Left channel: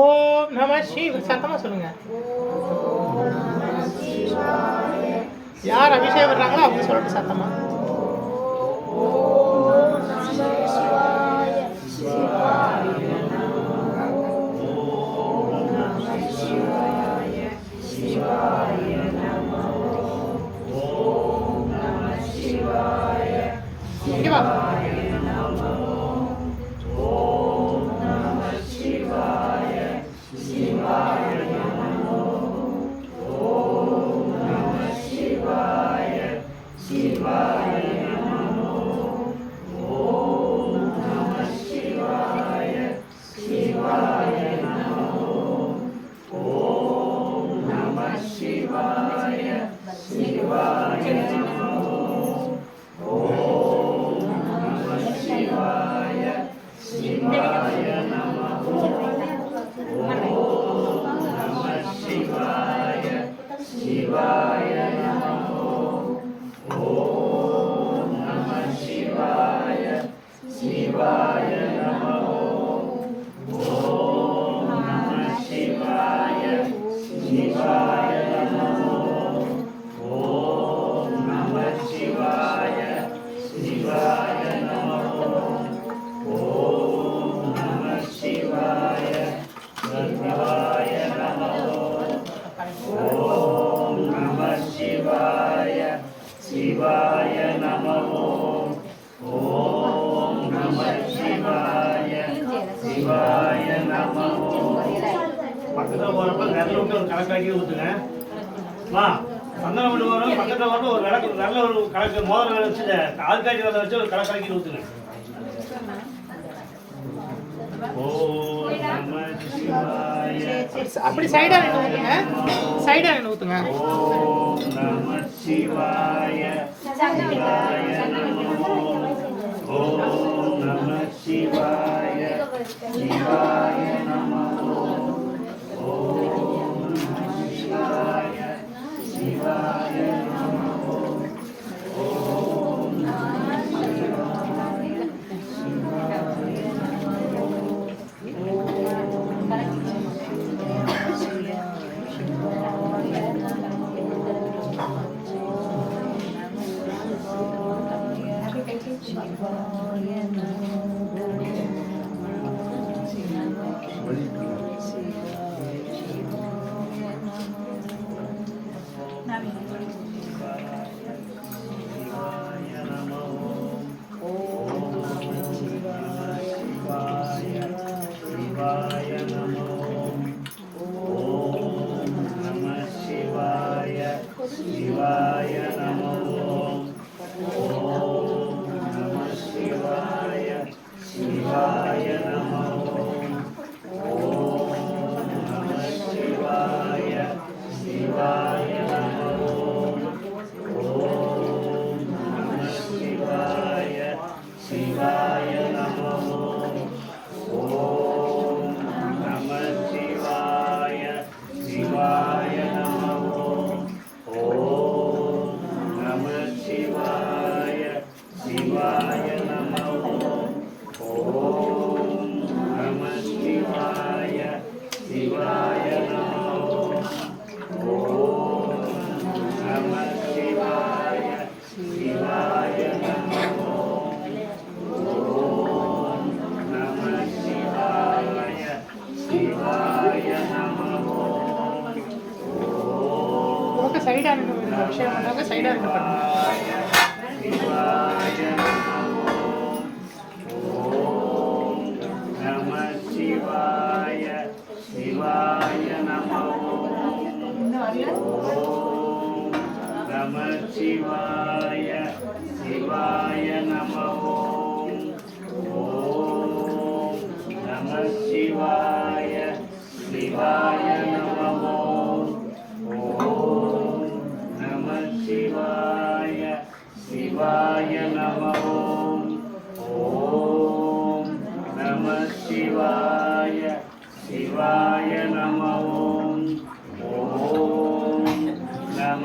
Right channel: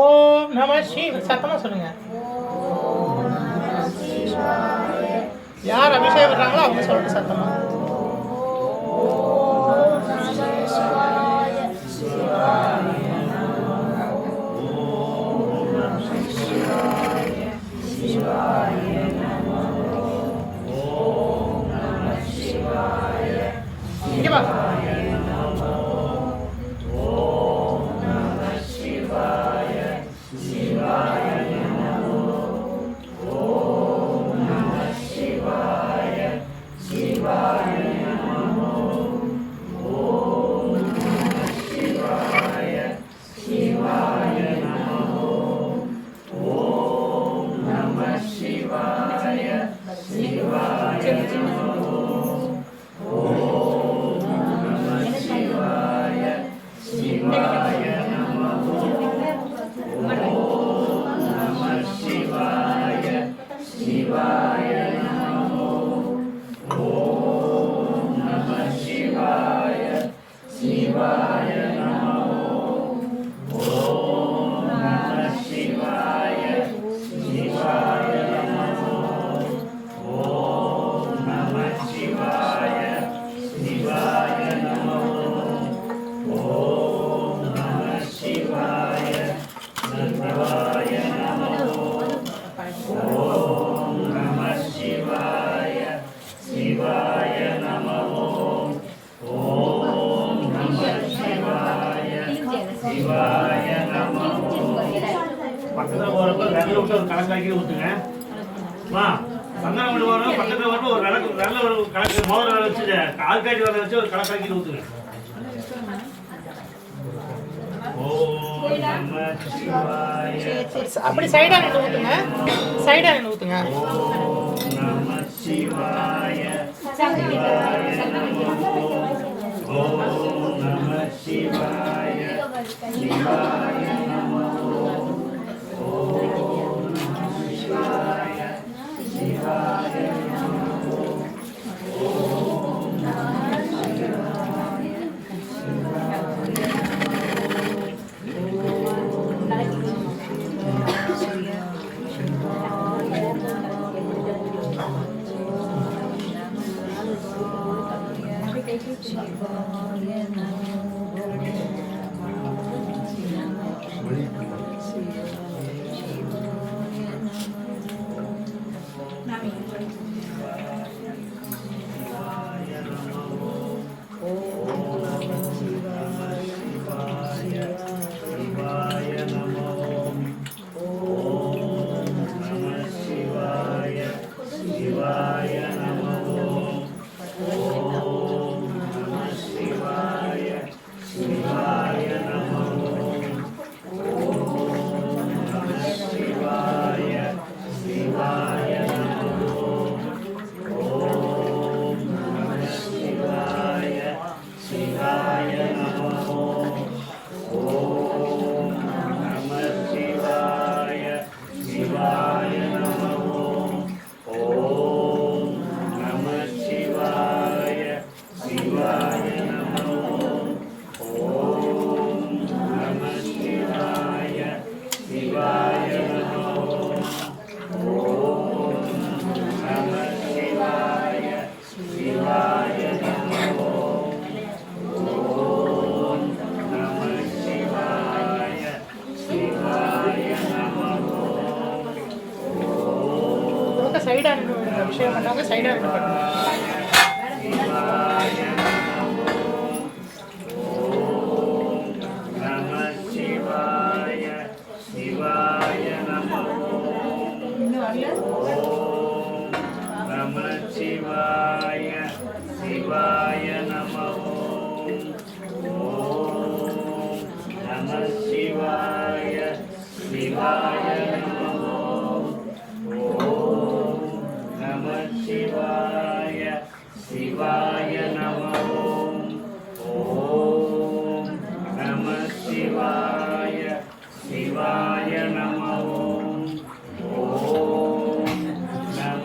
ஓம் நம சிவாய. சத்தமா சொல்லுங்க. யார் அபிஷேகம் பண்றாங்களோ அவங்க சொல்லிட்டு சத்தமா. இங்க வா. பக்கத்தில் போகிறப்ப வெள்ளை விட்டு ஒரு கணக்காக்கி ஊற்றுங்க. சந்தனம் விட்டு போகிறப்ப பக்கத்தில் வரப்போ ஒரு நல்ல ஒரு கணக்கு மோதிரம் வச்சு ஆள்காட்டி வர வச்சு ஒரு கணக்காக்கி ஊற்றுங்க. அப்படி சைடா நின்று ஊத்துங்க. சைடா நின்று ஊத்துங்க. ஓம் நம சிவாய. ஓம் நம சிவாய. சிவாய நமோ. ஓம் நம சிவாய. சிவாய நமோ. ஓம் நம சிவாய. சைடா நின்று அபிஷேகம் பண்ணாங்க. சைடா நின்று பண்ணுங்க. சிவாய சிவாய நமோ. ஓம் நம சிவாய சிவாய நமோ. ஓம் நம சிவாய சிவாய நமோ. ஓம் நம சிவாய சிவாய நமோ. ஓம் நம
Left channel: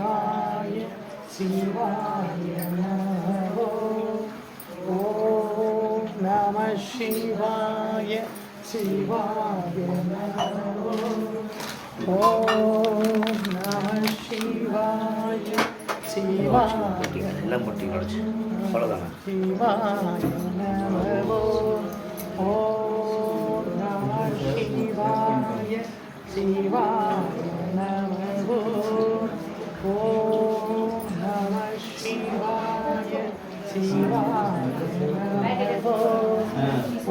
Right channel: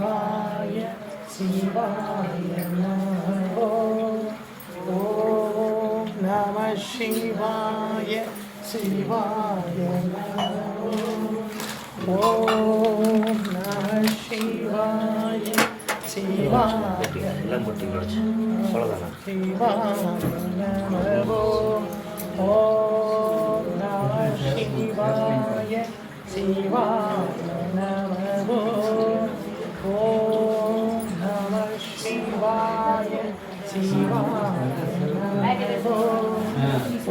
சிவாய சிவாய நமோ ஓம் நம சிவாய சிவாய நமோ ஓம் நம சிவாய சிவாய சிவாய நமோ ஓம் நம சிவாய சிவாய நமோ ஓம் நம சிவாய சிவாய நமோ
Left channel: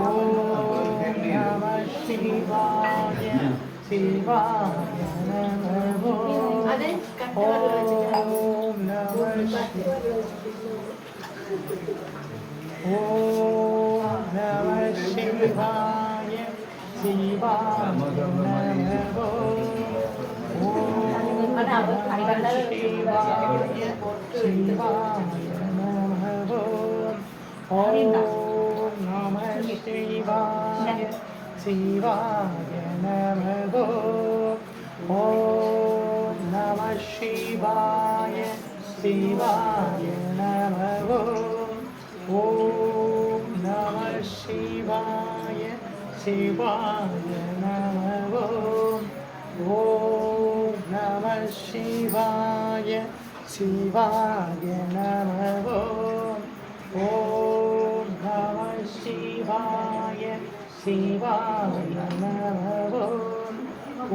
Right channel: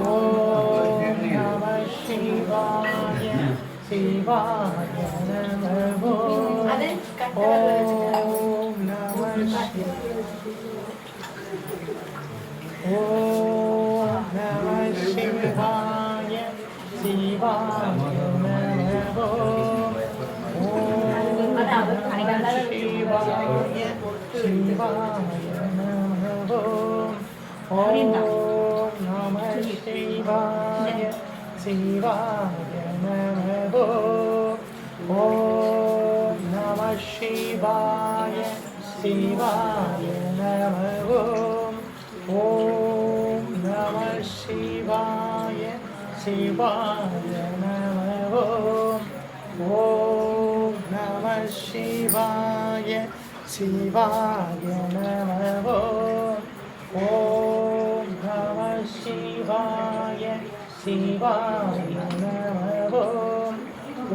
ஓம் நம சிவாய சிவாய நமோ ஓம் நம ஓம் நம சிவாய சிவாய நமோ ஓம் நம சிவாய சிவாய நமோ ஓம் நம சிவாய சிவாய நமோ ஓம் நம சிவாய சிவாய நமோ ஓம் நம சிவாய சிவாய நமோ ஓம் நம சிவாய சிவாய நமோ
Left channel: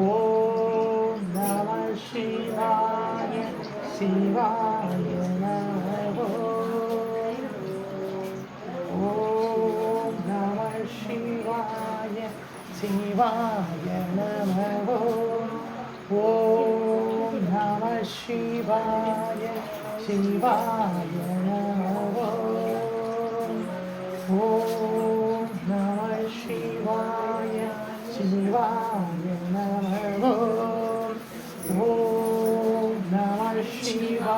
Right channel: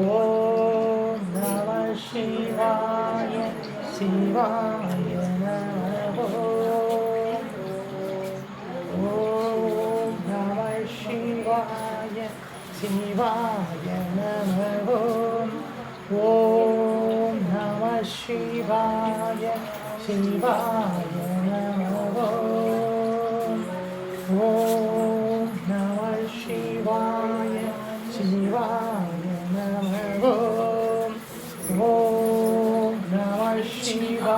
ஓம் நம சிவாய சிவாய நமோ ஓம் நம சிவாய சிவாய நமோ ஓம் நம சிவாய சிவாய நமோ ஓம் நம சிவாய சிவாய நமோ ஓம் நம சிவாய சிவாய நமோ ஓம் நம சிவாய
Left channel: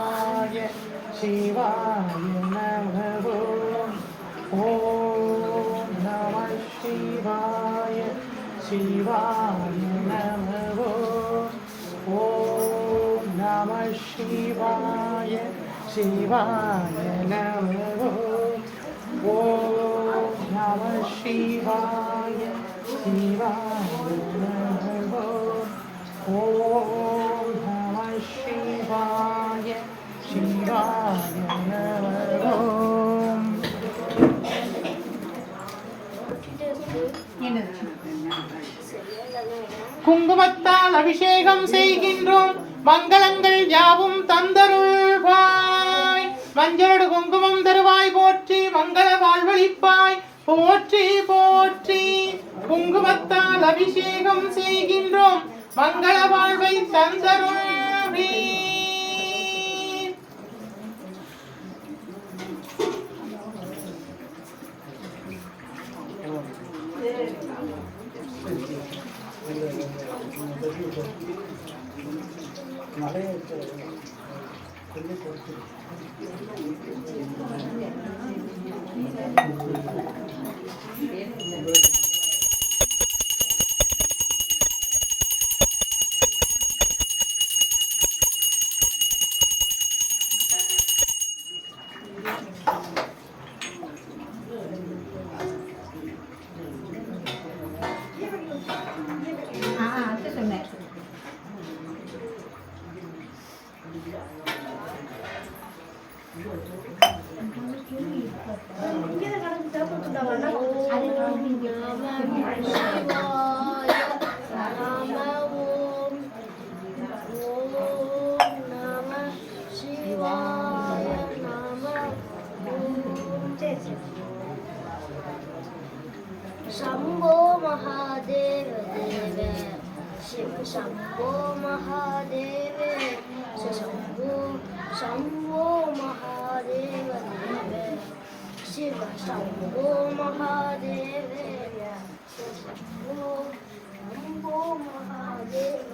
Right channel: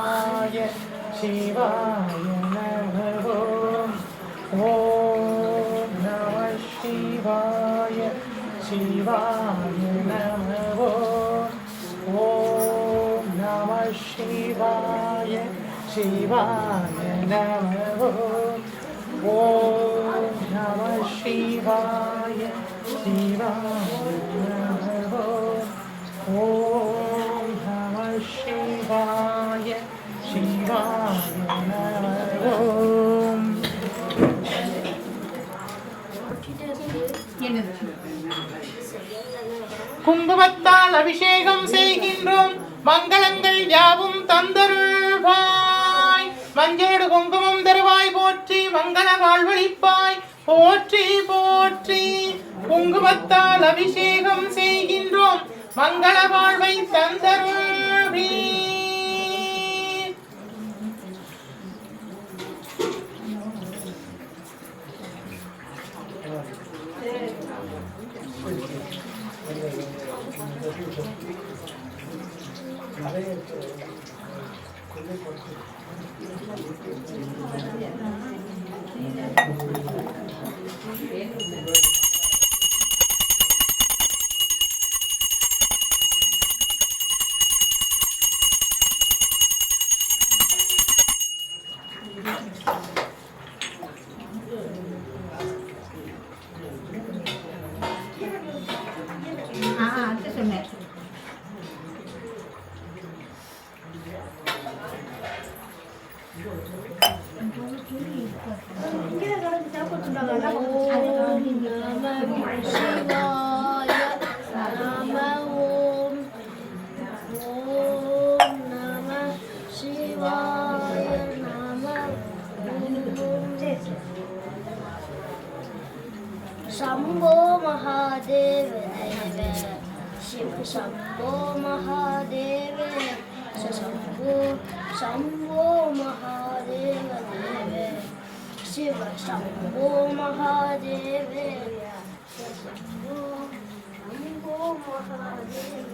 சிவாய நமோ ஓம் நம சிவாய சிவாய நமோ ஓம் நம சிவாய சிவாய நமோ ஓம் நம சிவாய சிவாய நமோ ஓம் நம சிவாய சிவாய நமோ குங்குமத்தால் அபிஷேகம் செய்கின்றோம் மங்களங்கள் யாவும் தந்தருள்வாய் மஞ்சளோடு குங்குமம் தருவாய் போற்றி மங்கள வாழ்வழிப்பாய் போற்றி போற்றி குங்குமத்தால் அபிஷேகம் செய்கின்றோம் மங்கள வாழ்வை தந்தருள்வி शंभो महादेव देव शिव शंभो महादेव शंभो शंभो महादेव देव शिव शंभो महादेव शंभो महादेव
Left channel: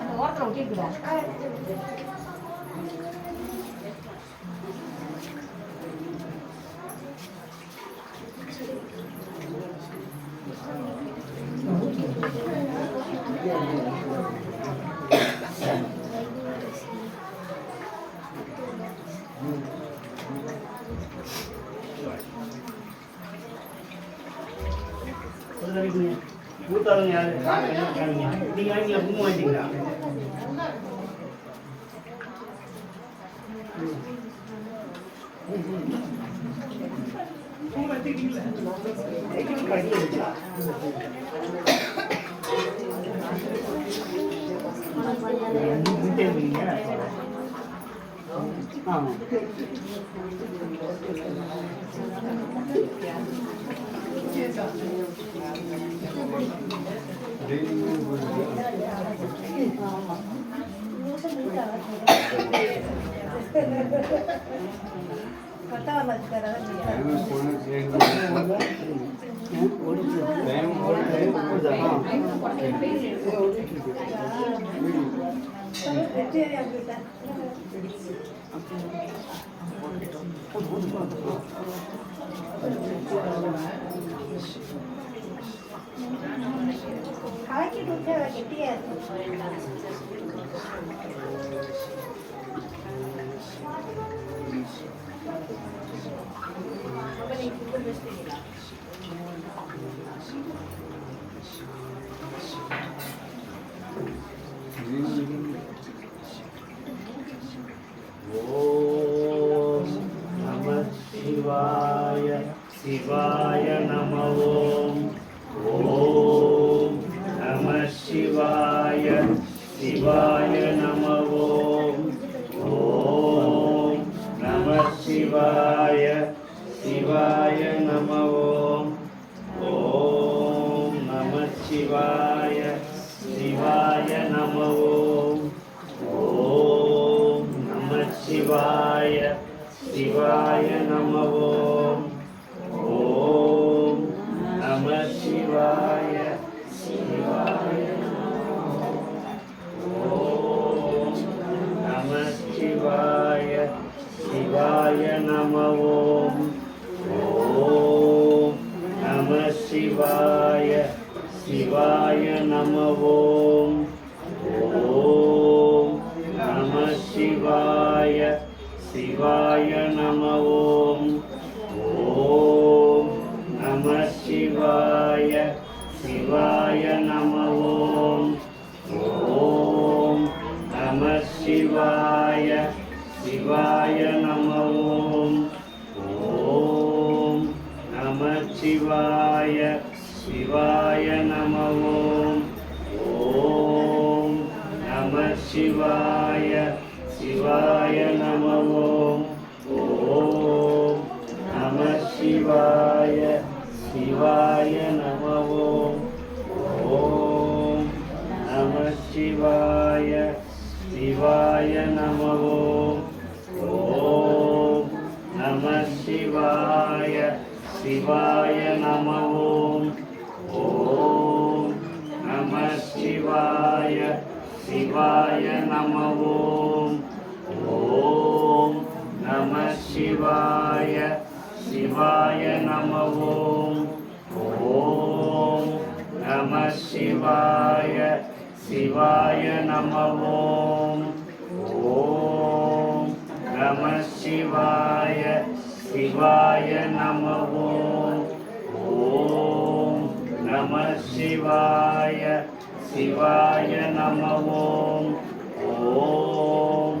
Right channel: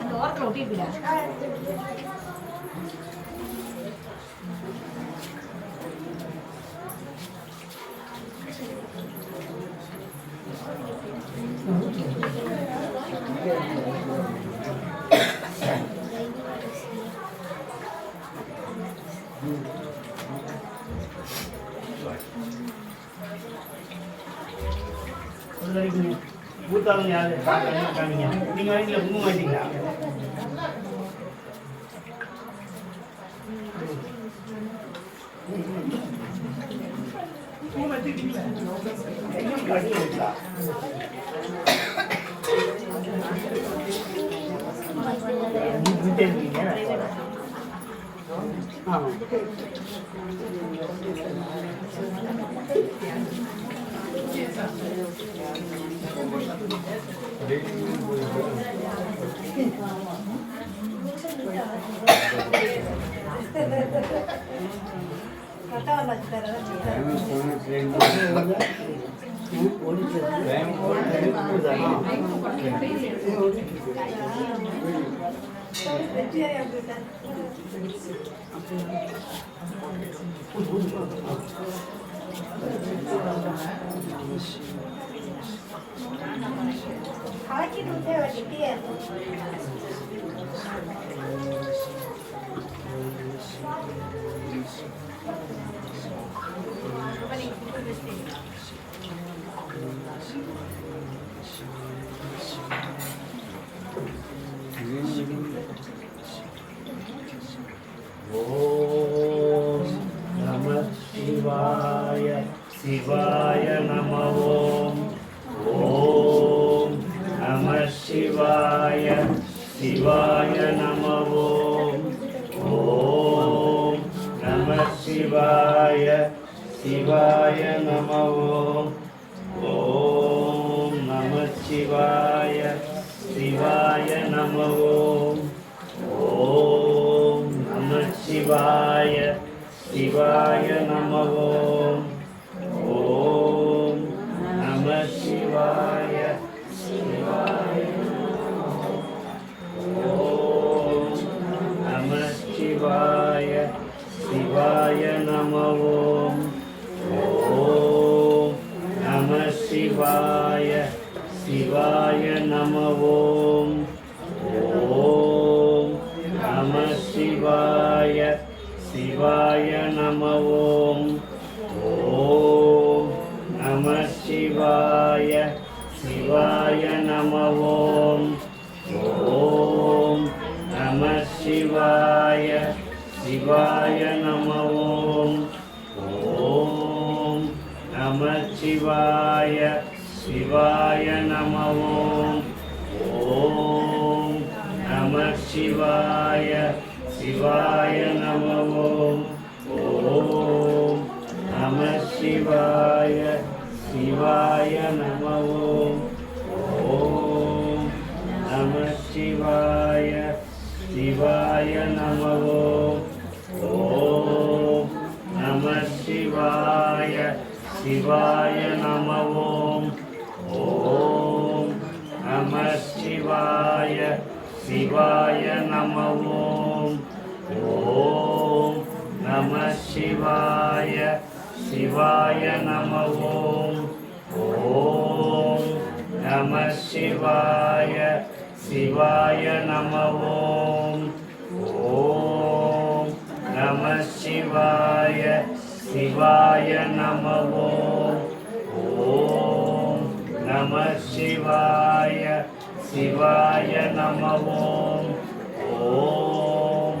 அந்த ஓரத்தில் ஒட்டிருக்குடா. ஊத்தாதவங்க யாரு காமிங்க. நீங்க வாங்கிங்களா? குங்குமம் வாங்கிட்டீங்களா? ஓம் நம சிவாய சிவாய நம ஓம். ஓம் நம சிவாய சிவாய நம ஓம். ஓம் நம சிவாய சிவாய நம ஓம். ஓம் நம சிவாய சிவாய நம ஓம். ஓம் நம சிவாய சிவாய நம ஓம். ஓம் நம சிவாய சிவாய ஓம் நம சிவாய சிவாய நம ஓம். ஓம் நம சிவாய சிவாய நம ஓம். ஓம் நம சிவாய சிவாய நம ஓம். ஓம் நம சிவாய சிவாய நம ஓம். ஓம் நம சிவாய சிவாய நம ஓம். ஓம் நம சிவாய சிவாய நம ஓம். ஓம் நம சிவாய சிவாய நம ஓம். ஓம் நம சிவாய சிவாய நம ஓம். ஓம் நம சிவாய சிவாய நம ஓம். ஓம் நம சிவாய சிவாய நம ஓம். ஓம் நம சிவாய சிவாய நம ஓம். ஓம் நம சிவாய சிவாய நம ஓம். ஓம் நம சிவாய சிவாய நம ஓம். ஓம் நம சிவாய சிவாய நம ஓம். ஓம் நம சிவாய சிவாய நம ஓம். ஓம்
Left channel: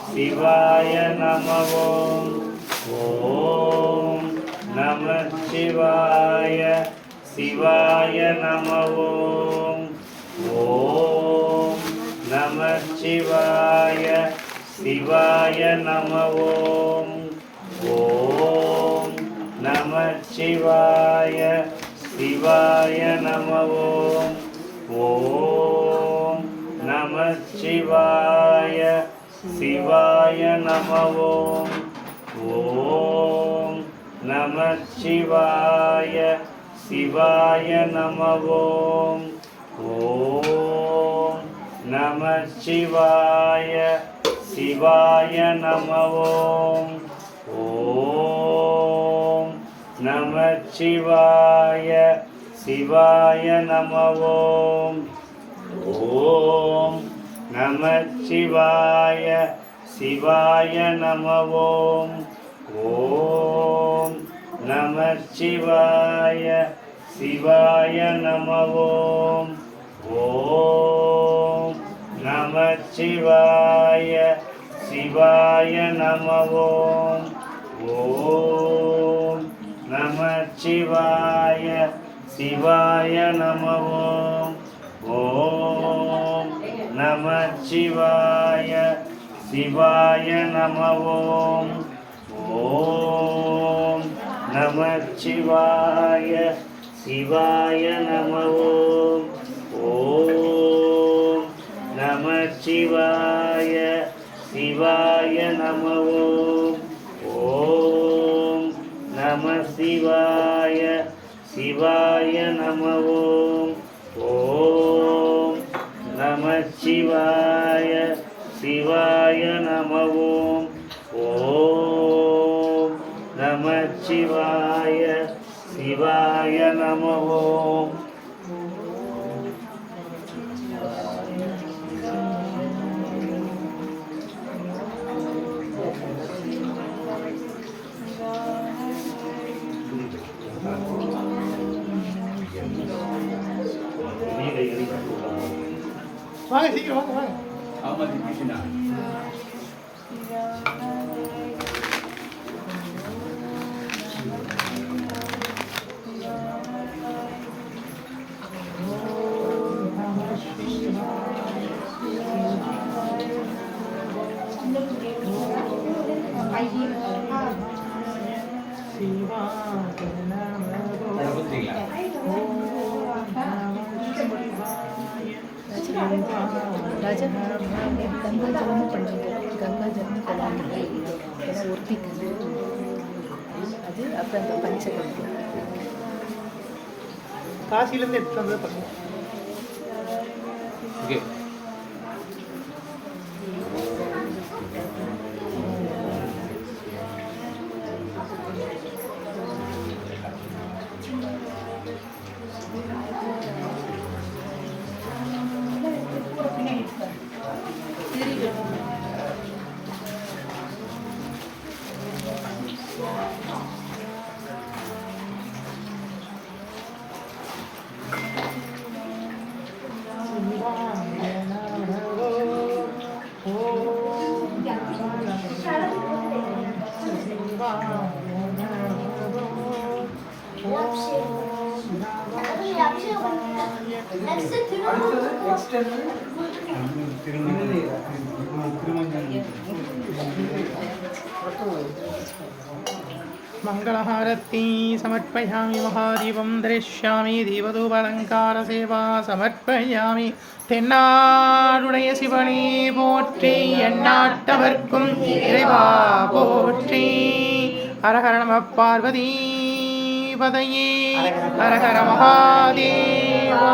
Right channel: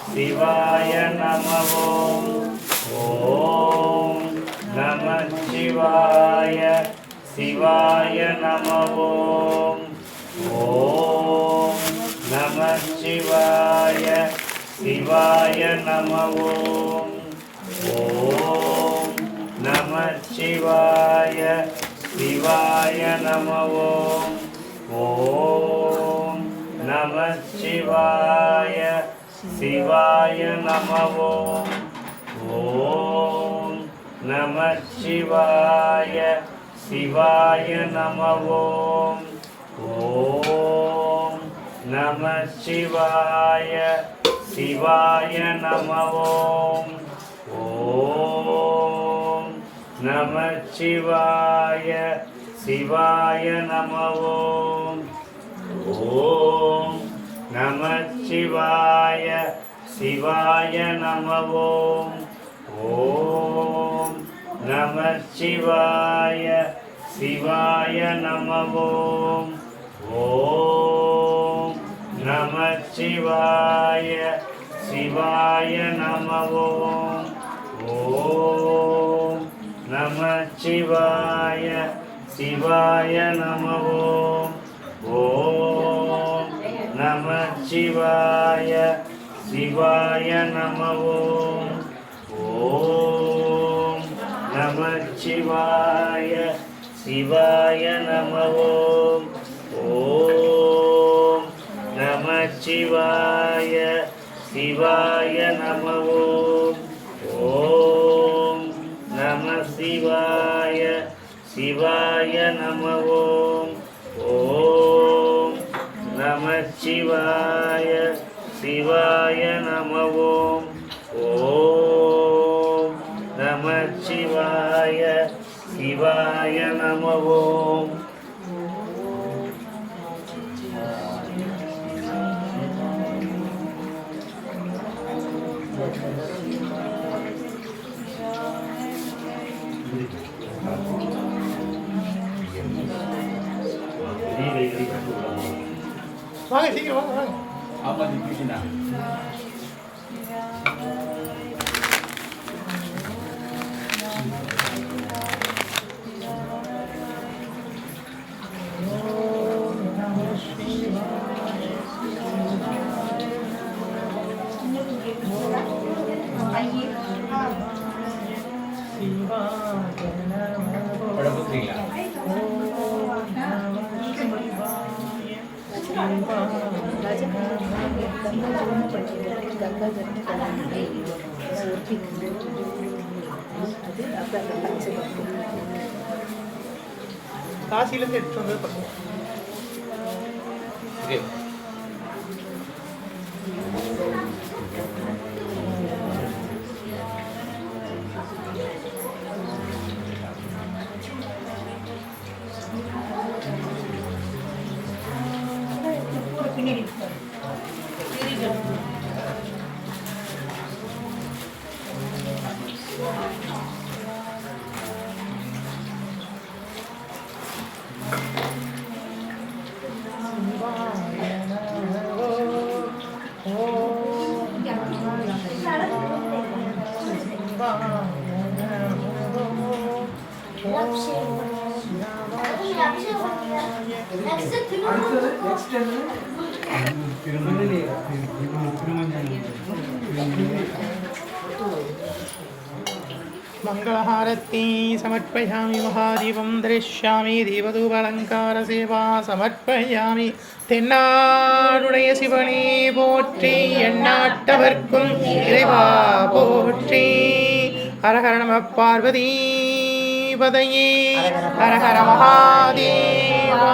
சிவாய நம ஓம் நமச்சிவாய சிவாய நம ஓம் நமச்சிவாய சிவாய நம ஓம் நமச்சிவாய சிவாய நம ஓம் நமச்சிவாய சிவாய நம ஓம் நமச்சிவாய சிவாய நம ஓம் நமச்சிவாய சிவாய நம ஓம் நமச்சிவாய சிவாய நம ஓம் நமச்சிவாய சிவாய நம ஓம் நமச்சிவாய சிவாய நம ஓம் நமச்சிவாய சிவாய நம ஓம் நமச்சிவாய சிவாய நம ஓம் நமச்சிவாய சிவாய நம ஓம் நமச்சிவாய சிவாய நம ஓம் நமச்சிவாய சிவாய நம ஓம் நமசிவாய சிவாய நம ஓம் நமச்சிவாய சிவாய நம ஓம் நமச்சிவாய சிவாய நம வாங்க சீக்கிரம் வாங்க வாங்க. காசிலேருந்து எடுத்துட்டு வந்தது பண்ணுவோம். ஓகே मंगलहारती समर्पयामि महादीपं दरिष्यामि दीपधूपालंकार सेवा समर्पयामि தென்னாடுடைய சிவனே போற்றி எண்ணாட்டவர்க்கும் இறைவா போற்றி ஹரஹர நம பார்வதி பதையே ஹரஹர மகாதேவா.